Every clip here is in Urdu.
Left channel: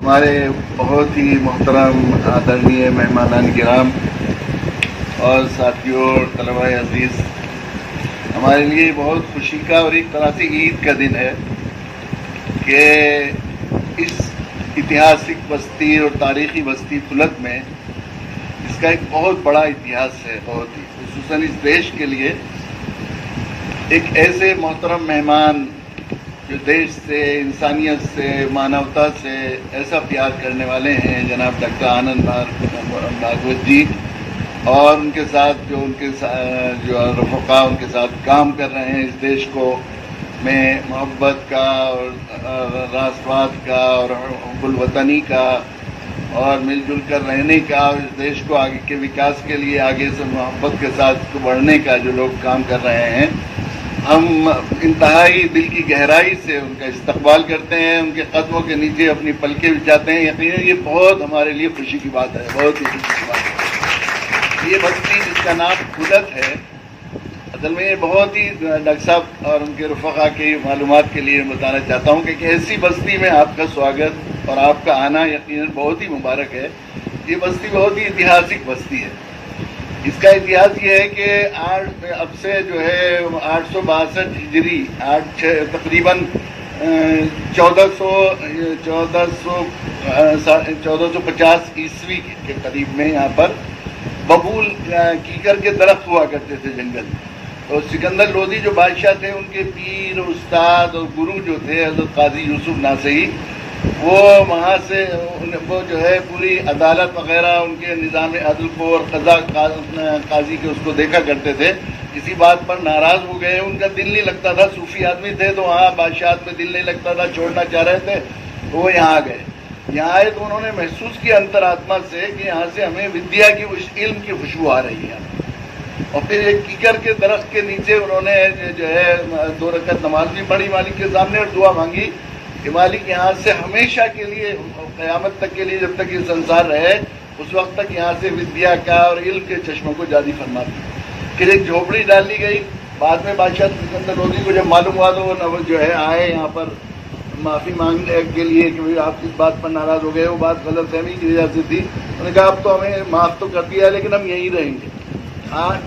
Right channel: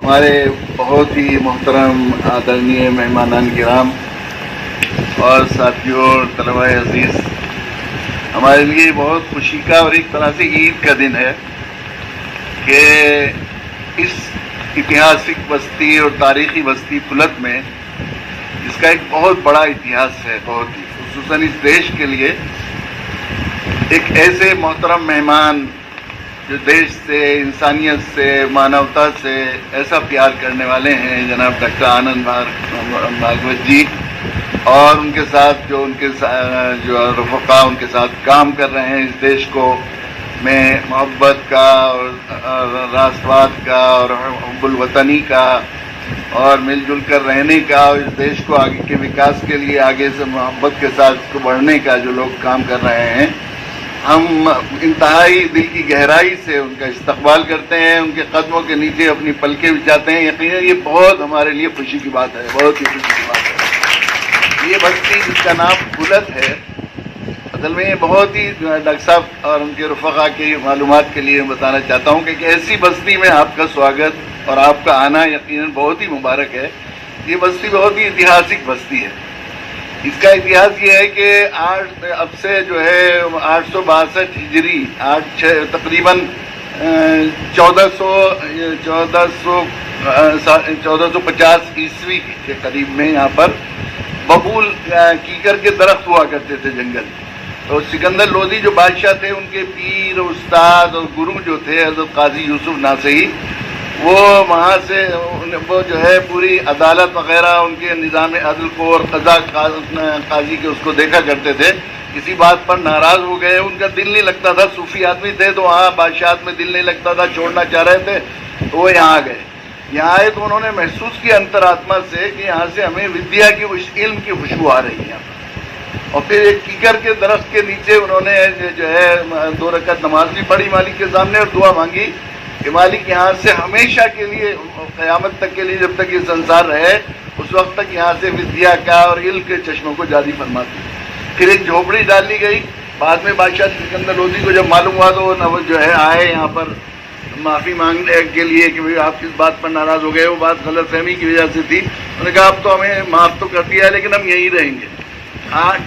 ہمارے بہت ہی محترم آدرنیہ مہمانان کرام اور ساتھیوں اور طلباء عزیز، ہمارے لیے بہت خوشی کا اور ایک طرح سے عید کا دن ہے کہ اس اتہاسک بستی اور تاریخی بستی پھلت میں اس کا ایک بہت بڑا اتہاس ہے، بہت ہی خصوصاً اس دیش کے لیے ایک ایسے محترم مہمان جو دیش سے، انسانیت سے، مانوتا سے ایسا پیار کرنے والے ہیں، جناب ڈاکٹر آنند بھاگوت جی، اور ان کے ساتھ جو رفقا ان کے ساتھ کام کر رہے ہیں اس دیش کو میں محبت کا اور راسوات کا اور حب الوطنی کا اور مل جل کر رہنے کا، اور اس دیش کو آگے کے وکاس کے لیے آگے سے محبت کے ساتھ اس کو بڑھنے کا جو لوگ کام کر رہے ہیں، ہم انتہائی دل کی گہرائی سے ان کا استقبال کرتے ہیں، ان کے قدموں کے نیچے اپنی پلکیں بچھاتے ہیں۔ یقیناً یہ بہت ہمارے لیے خوشی کی بات ہے، بہت ہی خوشی کی بات ہے۔ یہ بستی جس کا نام پھلت ہے، اصل میں یہ بہت ہی ڈاکٹر صاحب اور ان کے رفقا کی معلومات کے لیے بتانا چاہتا ہوں کہ ایسی بستی میں آپ کا سواگت اور آپ کا آنا یقیناً بہت ہی مبارک ہے۔ یہ بستی بہت ہی اتہاسک بستی ہے۔ اس کا اتہاس یہ ہے کہ اب سے جو ہے 862 ہجری تقریباً 1450 عیسوی کے قریب میں یہاں پر ببول کیکر کے درخت ہوا کرتے تھے جنگل، تو سکندر لودھی جو بادشاہ تھے، ان کے پیر استاد اور گرو جو تھے حضرت قاضی یوسف ناصحی، وہ وہاں سے وہ جو ہے پوری عدالت وغیرہ ان کے نظام عدل کو اور قضا قاضی کے اس کو دیکھا کرتے تھے۔ کسی بات پر ناراض ہو گئے، ان کا دل نہیں لگتا تھا، صوفی آدمی تھے تو وہاں بادشاہت میں دل نہیں لگتا تھا، چھوڑنا چاہ رہے تھے، تو وہ یہاں آ گئے۔ یہاں آئے تو انہوں نے محسوس کیا انترآتما سے کہ یہاں سے ہمیں ودیا کی علم کی خوشبو آ رہی ہے، اور پھر ایک کیکر کے درخت کے نیچے انہوں نے جو ہے 2 رکعت نماز بھی پڑھی مالک کے سامنے اور دعا مانگی کہ مالک یہاں سے ہمیشہ کے لیے، قیامت تک کے لیے، جب تک یہ سنسار رہے اس وقت تک یہاں سے ودیا کا اور علم کے چشموں کو جاری فرما دی۔ پھر ایک جھوپڑی ڈالی گئی۔ بعد میں بادشاہ سکندر لودھی کو جب معلوم ہوا تو وہ جو ہے آئے یہاں پر معافی مانگنے کے لیے کہ آپ کس بات پر ناراض ہو گئے، وہ بات غلط فہمی کی وجہ سے تھی۔ انہوں نے کہا اب تو ہمیں معاف تو کر دیا ہے لیکن ہم یہیں رہیں گے۔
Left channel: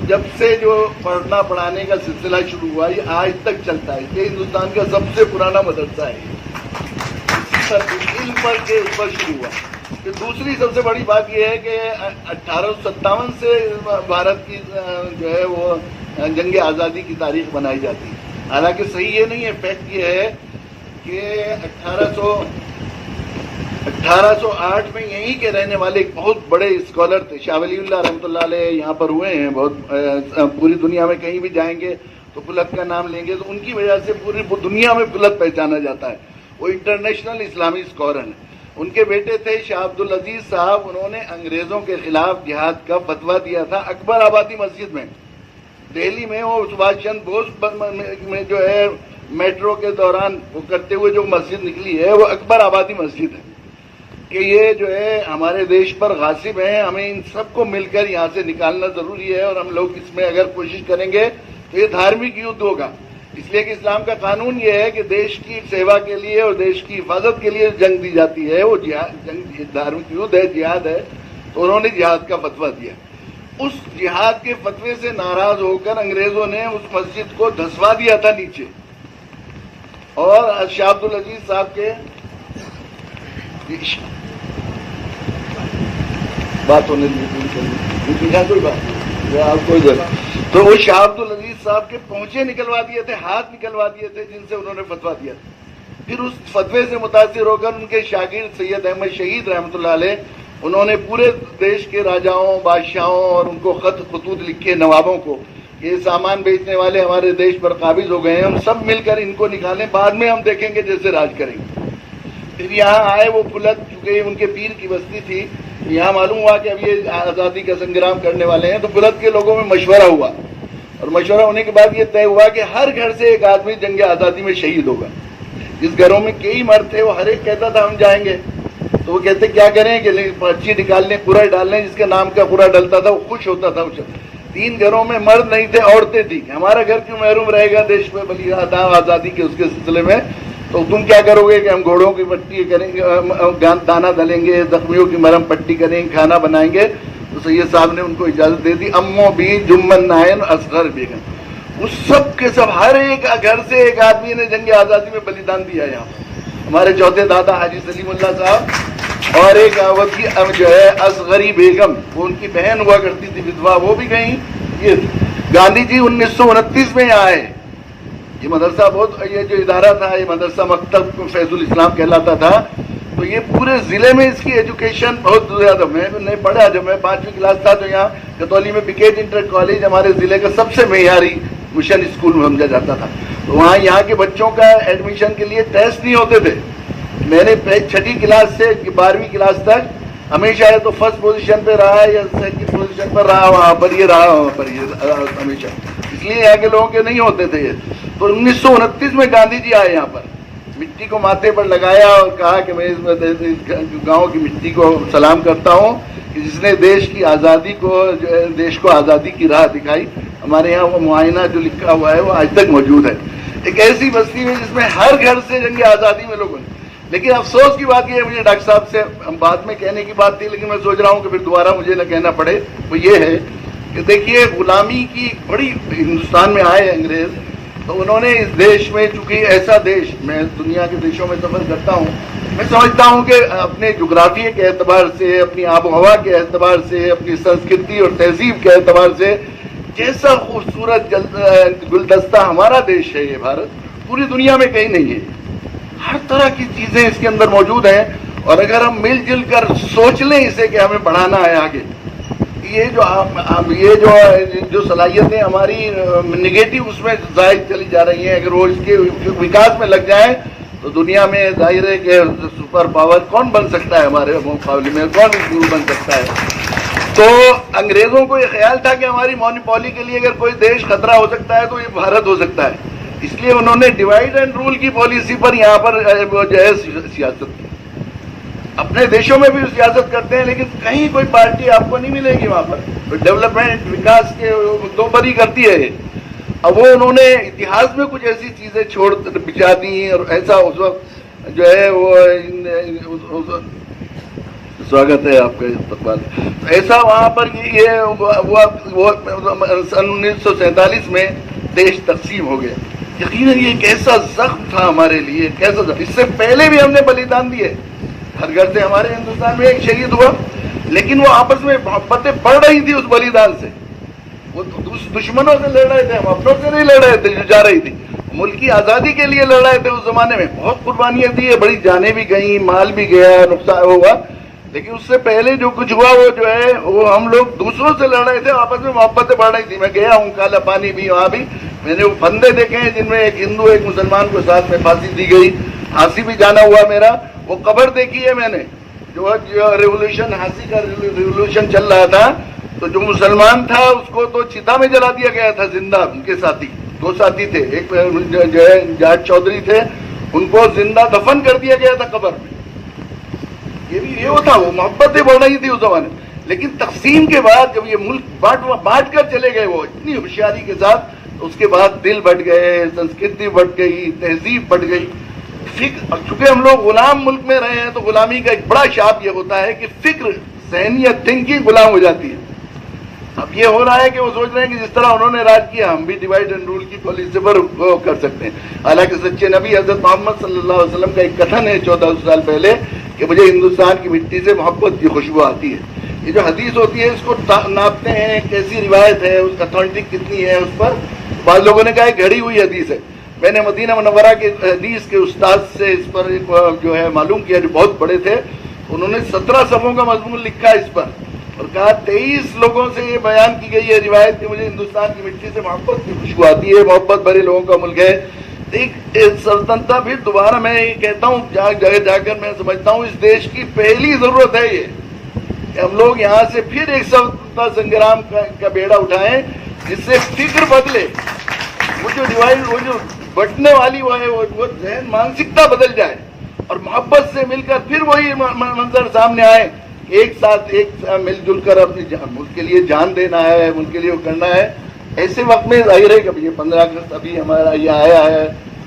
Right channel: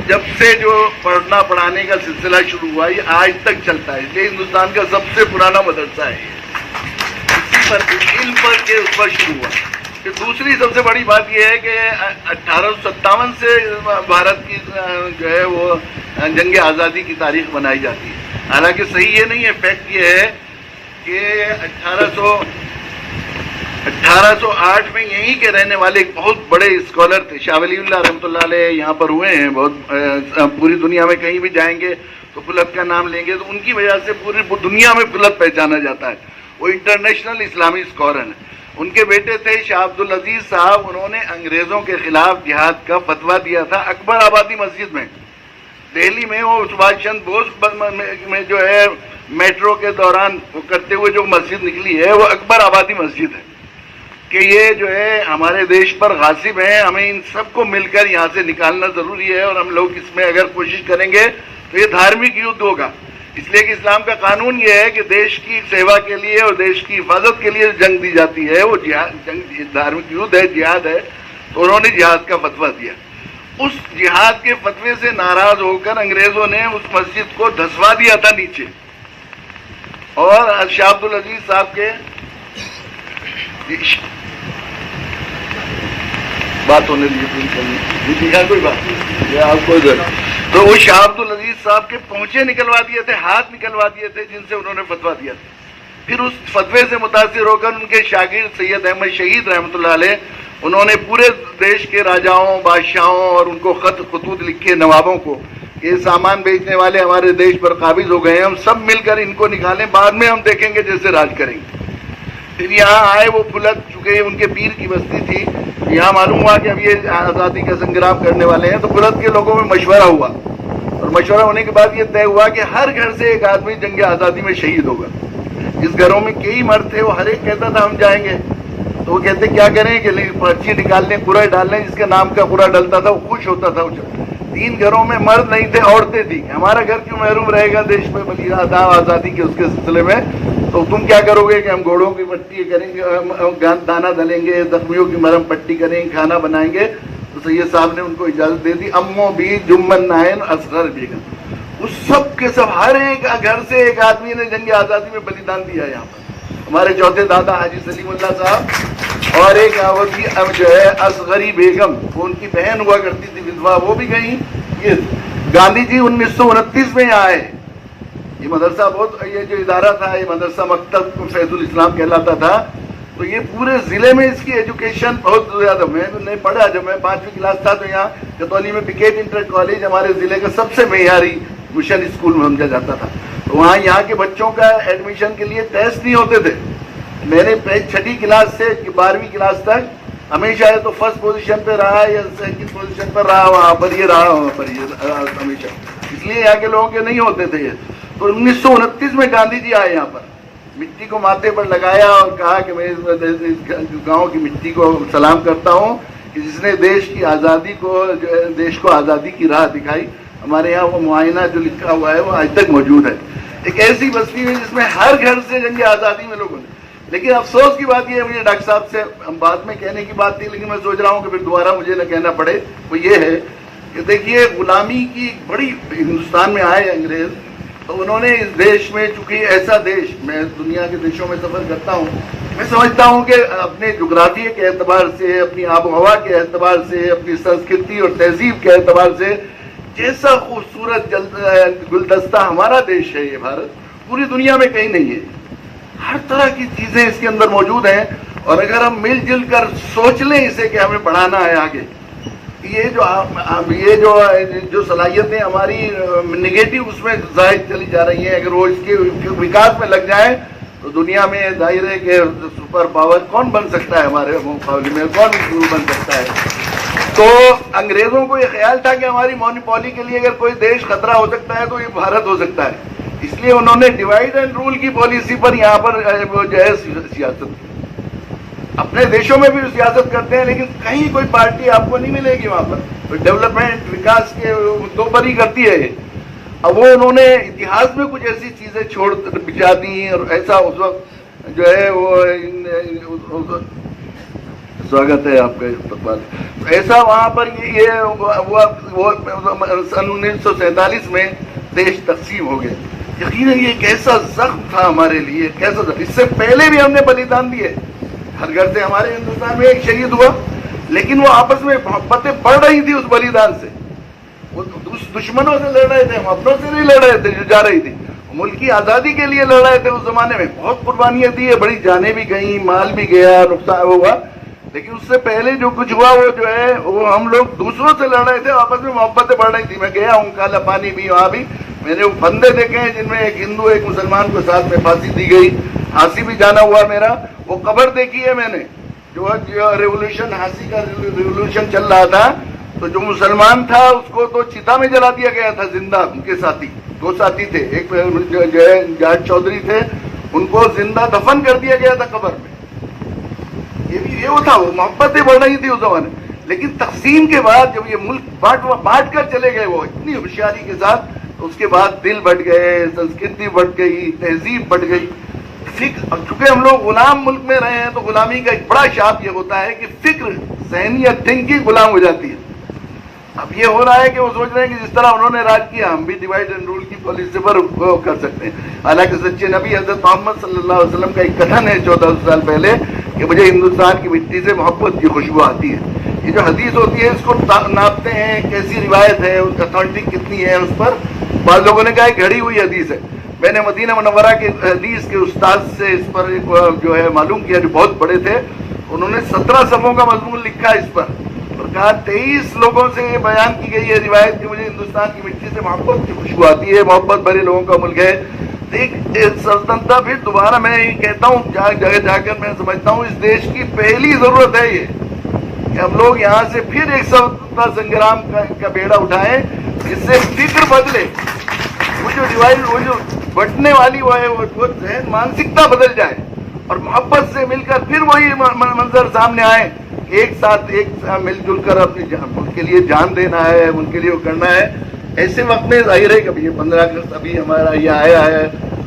جب سے جو پڑھنا پڑھانے کا سلسلہ شروع ہوا یہ آج تک چلتا ہے، اس لیے ہندوستان کا سب سے پرانا مدرسہ ہے یہ، علم پر کے اس پر شروع ہوا۔ پھر دوسری سب سے بڑی بات یہ ہے کہ 1857 سے بھارت کی جو ہے وہ جنگ آزادی کی تاریخ بنائی جاتی ہے، حالانکہ صحیح یہ نہیں ہے، فیکٹ یہ ہے کہ 1808 میں یہیں کے رہنے والے ایک بہت بڑے اسکالر تھے، شاہ ولی اللہ رحمۃ اللہ علیہ، یہاں پر ہوئے ہیں بہت، پوری دنیا میں کہیں بھی جائیں گے تو پھلت کا نام لیں گے تو ان کی وجہ سے پوری دنیا میں پھلت پہچانا جاتا ہے، وہ انٹرنیشنل اسلامی اسکالر ہیں۔ ان کے بیٹے تھے شاہ عبد العزیز صاحب، انہوں نے انگریزوں کے خلاف جہاد کا فتویٰ دیا تھا اکبر آبادی مسجد میں، دہلی میں، وہ سبھاش چندر بوس میں جو ہے میٹرو کے دوران وہ کرتے ہوئے جو مسجد نکلی ہے وہ اکبر آبادی مسجد ہے، کہ یہ جو ہے ہمارے دیش پر غاصب ہیں، ہمیں ان سب کو مل کر یہاں سے نکالنا ضروری ہے، اور ہم لوگ اس میں اگر کوشش کریں گے تو یہ دھارمک یدھ ہوگا، اس لیے کہ اسلام کا قانون یہ ہے کہ دیش کی سیوا کے لیے اور دیش کی حفاظت کے لیے جنگ دی جاتی ہے، وہ جنگ دھارمک یدھ ہے، جہاد ہے، تو انہوں نے جہاد کا فتویٰ دیا۔ اس جہاد کے فتوے سے ناراض ہو کر انگریزوں نے اس مسجد کو دھسوا دیا تھا نیچے، اور شاہ عبد العزیز صاحب کے بات ہونے دیجیے، کوئی بات نہیں، آپ کوئی بات، تو وہ شاہ عبد العزیز صاحب کے پونچے نکلوا دیے تھے، ہاتھ نکلوا دیے تھے، جن سے انہوں نے فتویٰ دیا تھا۔ پھر اس فتوے سے متاثر ہو کر ان کے شاگرد سید احمد شہید رحمۃ اللہ علیہ، انہوں نے پورے دیش کے راجاؤں، بادشاہوں اور ان کو خطوط لکھے نوابوں کو، یہ سامان بیچنے والے ہمارے دیش پر قابض ہو گئے ہیں، ہم سب مل کر ان کو نکالیں، بعد میں ہم دیکھیں گے جیسے راج کریں گے۔ پھر یہاں آئے وہ پھلت، چونکہ ان کے پیر کی بستی تھی، یہاں معلوم ہوا کہ اب یہ آزادی کا سنگرام کرنے والے ہیں، تو پھلت کے لوگوں میں مشورہ ہوا، اور مشورہ ہونے کے بعد یہ طے ہوا کہ ہر گھر سے ایک آدمی جنگ آزادی میں شہید ہوگا۔ جس گھروں میں کئی مرد تھے وہ ہر ایک کہتا تھا ہم جائیں گے، تو وہ کہتے کیا کریں کہ پرچی نکال لیں، قرعہ ڈال لیں، جس کے نام کا قرعہ ڈلتا تھا وہ خوش ہوتا تھا۔ 3 گھروں میں مرد نہیں تھے، عورتیں تھیں، ہمارا گھر کیوں محروم رہے گا دیش میں آزادی کے اس کے سلسلے میں، تو تم کیا کرو گے کہ ہم گھوڑوں کی پٹی کریں گے، دانہ ڈلیں گے، زخمیوں کی مرہم پٹی کریں گے، کھانا بنائیں گے. تو سید صاحب نے ان کو اجازت دے دی. امو بھی جمن نائن اصغر بیگم، اس سب کے سب ہر ایک گھر سے ایک آدمی نے جنگ آزادی میں بلیدان دیا. یہاں پر ہمارے چوتھے دادا حاجی سلیم اللہ صاحب اور ایک جو ہے اصغری بیگم، وہ ان کی بہن ہوا کرتی تھی ودوا، وہ بھی گئیں. یہ گاندھی جی 1929 میں یہاں آئے. یہ مدرسہ یہ جو ادارہ تھا، یہ مدرسہ مکتب فیض الاسلام کہلاتا تھا. تو یہ پورے ضلع میں اس کی ایجوکیشن بہت زیادہ. میں نے پڑھا جب میں 5ویں کلاس تھا تو یہاں کتولی میں پیکیج انٹر کالج ہمارے ضلع کا سب سے معیاری مشن اسکول سمجھا جاتا تھا. تو وہاں یہاں کے بچوں کا ایڈمیشن کے لیے ٹیسٹ نہیں ہوتے تھے. میں نے 6ٹھی کلاس سے 12ویں کلاس تک ہمیشہ ہے تو فرسٹ پوزیشن پہ رہا یا سیکنڈ پوزیشن پر رہا، وہاں پر یہ رہا، وہاں پر یہ ہمیشہ. اس لیے یہاں کے لوگوں کے نہیں ہوتے تھے یہ. تو 1929 میں گاندھی جی آئے یہاں پر، مٹی کو ماتھے پر لگایا اور کہا کہ میں اس گاؤں کی مٹی کو سلام کرتا ہوں کہ جس نے دیش کی آزادی کو، دیش کو آزادی کی راہ دکھائی. ہمارے یہاں وہ معائنہ جو لکھا ہوا ہے وہ آج تک موجود ہے. ایک ایسی بستی ہے جس میں ہر گھر سے جنگ آزادی میں لوگوں نے. لیکن افسوس کی بات یہ ہے، مجھے ڈاکٹر صاحب سے بعد میں کہنے کی بات تھی لیکن میں سوچ رہا ہوں کہ پھر دوبارہ مجھے نہ کہنا پڑے، وہ یہ ہے کہ دیکھیے غلامی کی بڑی، ہندوستان میں آئے انگریز تو انہوں نے اس دیش میں، چونکہ ایسا دیش، میں دنیا کے دیشوں میں سفر کرتا ہوں، میں سمجھتا ہوں کہ اپنے جغرافیے کے اعتبار سے، اپنی آب و ہوا کے اعتبار سے، اپنی سنسکرتی اور تہذیب کے اعتبار سے جیسا خوبصورت گلدستہ ہمارا دیش ہے یہ بھارت، پوری دنیا میں کہیں نہیں ہے. ہر طرح کی چیزیں اس کے اندر موجود ہیں. اور اگر ہم مل جل کر سوچ لیں اسے کہ ہمیں بڑھانا ہے آگے، یہ جو صلاحیتیں ہماری نگیٹو اس میں ظاہر چلی جا رہی ہیں، اگر وہ اس کے وکاس میں لگ جائیں تو دنیا میں ظاہر ہے کہ سپر پاور کون بن سکتا ہے ہمارے مقابلے میں، کون بن سکتا ہے. تو انگریزوں کو یہ خیال تھا کہ ہماری مونوپولی کے لیے اگر کوئی دیش خطرہ ہو سکتا ہے تو یہ بھارت ہو سکتا ہے. اس لیے انہوں نے ڈیوائڈ اینڈ رول کی پالیسی پر یہاں پر جو ہے سیاست کی. اپنے دیشوں میں بھی سیاست کرتے ہیں لیکن کہیں کوئی پارٹی آپ کو نہیں ملے گی وہاں پر ڈیولپمنٹ وکاس کے مدوں پر ہی کرتی ہے. اب وہ انہوں نے اتہاس میں کچھ ایسی چیزیں چھوڑ بچا دی اور ایسا اس وقت جو ہے وہ سواگت ہے آپ کا استقبال. ایسا وہاں پر یہ سن 1947 میں دیش تقسیم ہو گیا. یقیناً یہ کیسا زخم تھا ہمارے لیے، کیسا زخم. اس سے پہلے بھی ہم نے بلیدان دیے، ہر گھر سے ہمارے ہندوستان میں ایک شہید ہوا، لیکن وہ آپس میں محبتیں بڑھ رہی تھی اس بلیدان سے. وہ دشمنوں سے لڑ رہے تھے، ہم اپنوں سے نہیں لڑ رہے تھے جو جا رہی تھی. ملک کی آزادی کے لیے لڑ رہے تھے. اس زمانے میں بہت قربانیاں دی ہے، بڑی جانیں بھی گئیں، مال بھی گیا، نقصان ہوا. لیکن اس سے پہلے جو کچھ ہوا وہ جو ہے وہ ہم لوگ دوسروں سے لڑ رہے تھے، آپس میں محبتیں بڑھ رہی تھی. میں گیا ہوں کالا پانی بھی، وہاں بھی میں نے وہ بندے دیکھے ہیں جن میں ایک ہندو ایک مسلمان کو ساتھ میں پھانسی دی گئی. ہانسی بھی جانا ہوا میرا. وہ قبر دیکھی ہے میں نے، جو ریولوشن، ہانسی کا ریولوشن چل رہا تھا تو جو مسلمان تھا اس کو تو چتا میں جلا دیا گیا تھا زندہ. ان کے ساتھی، 2 ساتھی تھے، ایک جو ہے جاٹ چودھری تھے، ان کو زندہ دفن کر دیا گیا تھا قبر میں. یہ بھی یہ تھا، وہ محبتیں بڑھ رہی تھی اس زمانے. لیکن تقسیم کے بعد جب یہ ملک بانٹ کر چلے گئے وہ اتنی ہوشیاری کے ساتھ، تو اس کے بعد دل بٹ گئے، سنسکرتی بٹ گئی، تہذیب بٹ گئی، فکر. چونکہ ہم لوگ غلام ملک میں رہے ہیں تو غلامی کا ایک بڑا شاپ یہ ہوتا ہے کہ فکر، ذہنیت، تھنکنگ غلام ہو جاتی ہے. اب یہ ہو رہا ہے کہ وہ سوچ رہے ہیں کہ جس طرح انہوں نے راج کیا ہم بھی ڈیوائڈ اینڈ رول کی پالیسی پر کر سکتے ہیں. حالانکہ سچے نبی حضرت محمد صلی اللہ علیہ وسلم کا ایک کتھن ہے 1400 سال پہلے کہ مجھے ہندوستان کی مٹی سے محبت کی خوشبو آتی ہے. یہ جو حدیث ہوتی ہے اس کو ناپتے ہیں کیسی روایت ہے، اس اتھینٹک کتنی ہے. اس پر بعض لوگوں نے کہا ہے گھڑی ہوئی حدیث ہے. میں نے مدینہ منورہ کے حدیث کے استاد سے اس پر جو ہے معلوم کیا، جو بہت بڑے تھے. انہوں نے 17 صفحوں کا مضمون لکھا اس پر اور کہا 23 لوگوں سے یہ بیان کی گئی ہے روایت کہ مجھے ہندوستان کی مٹی سے محبت کی خوشبو آتی ہے، محبت بھرے لوگوں کا ملک ہے. ایک سلطنت پھر دوبارہ میں یہ کہتا ہوں، جگہ جا کر میں سمجھتا ہوں اس دیش کی پہلی ضرورت ہے یہ کہ ہم لوگ یہاں سے پھر ایک سلطنتا سنگرام کا بیڑا اٹھائیں جس سے فکر بدلے. وہ جو ڈیوائڈ، وہ جو بٹنے والی وہ ہے، وہ ذہن مانسکتا بدل جائے اور محبت سے مل کر پھر وہی منظر سامنے آئے. ایک ساتھ مل جل کر اپنے ملک کے لیے جان دینا ہے، ملک کے لیے وہ کرنا ہے. ایسے وقت میں ظاہر ہے کہ یہ 15 اگست ابھی ہمارا یہ آیا ہے،